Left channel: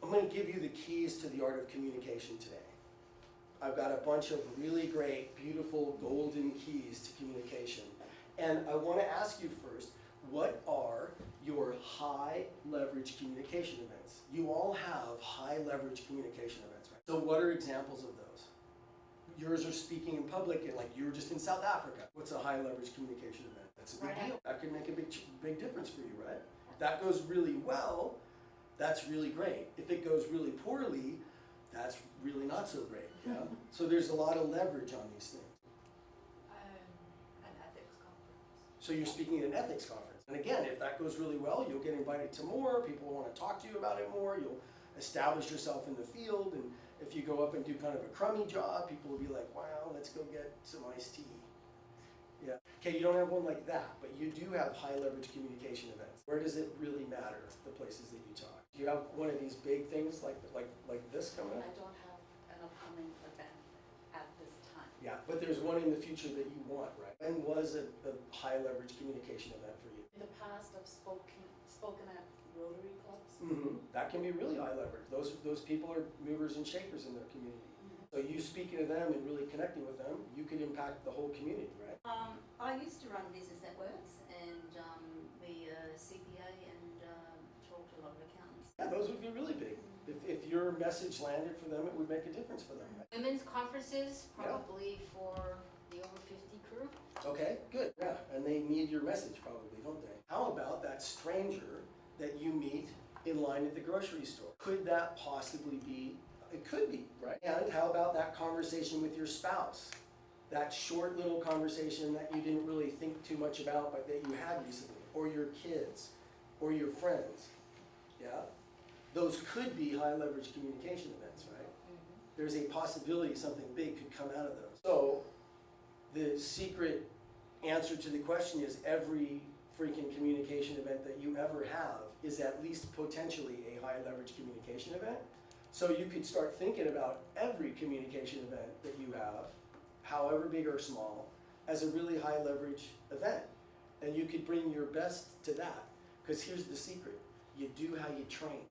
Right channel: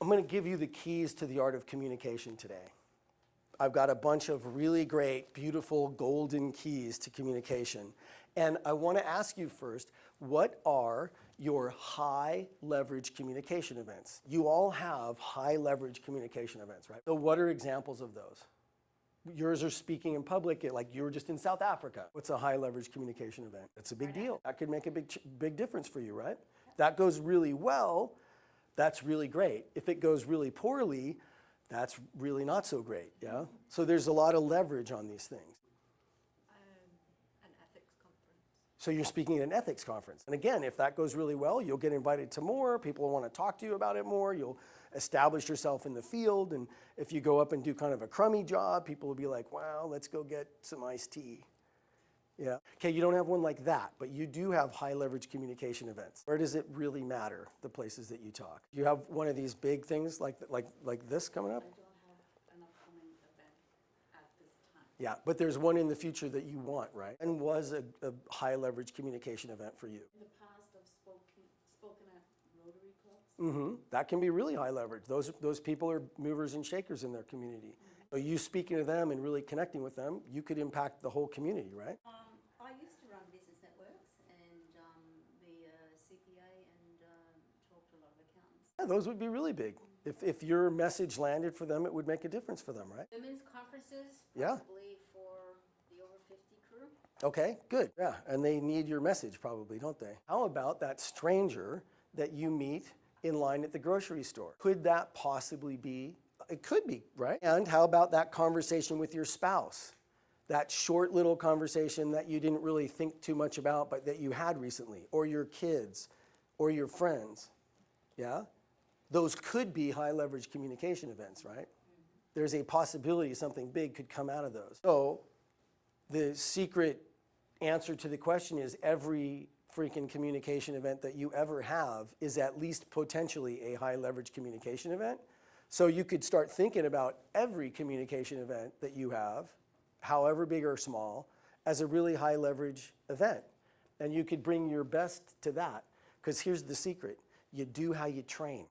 I'm going to give you the keys to the art of communication today. I've got a bunch of really great, beautiful, golden keys to communication. And I want to ask you first, what are your high leverage communication events? You all have high leverage communication events, right? So what are examples of those? Yours are speaking in public, like you were just in South Africa. What's a high leverage communication event? That's a big deal. That could make a big difference for you, right? That goes really well, that's really great. If it goes really poorly, that's really not so great, yeah? So there's a lot of leverage on these things. An ethics conference. So you're speaking at an ethics conference. And again, if that goes really well, you'll get invited to more, people will want to talk to you about it more, you'll establish yourself in the field, and if you go up and do kind of a crummy job, people will be like, wow, let's go get some iced tea. Yeah. Okay, you don't have one like that, but you do have high leverage communication events. Where does it really matter, the places that you talk? Do you have one of these big things like this coming up? I don't have an upcoming event at this time. Yeah, but there's one in the future that you want, right? And was a high leverage communication event for you? In the past, I've spoken at Rotary Clubs. That can be really high leverage. Those people are movers and shakers in their community. So you speaking to them and really connecting with them, you could impact the whole community, right? I used to run business networks, and we CPA and talked to a lot of accountants. Yeah, those would be really big. If your message landed for them, it would make a difference for them, right? Women's conferences, Yeah. probably for the over 50 crew. Okay, good. Yeah, and they need your message probably, don't they? How about that stranger that you meet in line at the grocery store? Could that possibly be? It could be, right? And how about that conversation with your spouse? That short little conversation that you didn't really think too much about, but that you had recently, or your kids, or your friends, yeah? Those could be high leverage communication events, right? There's a possibility something big could come out of those. So the secret answer to the question is every freaking communication event that you ever have is at least potentially a high leverage communication event. So you could start thinking about every communication event that you have, however big or small, as a really high leverage event. And you could bring your best to that, because here's the secret. You do how you train.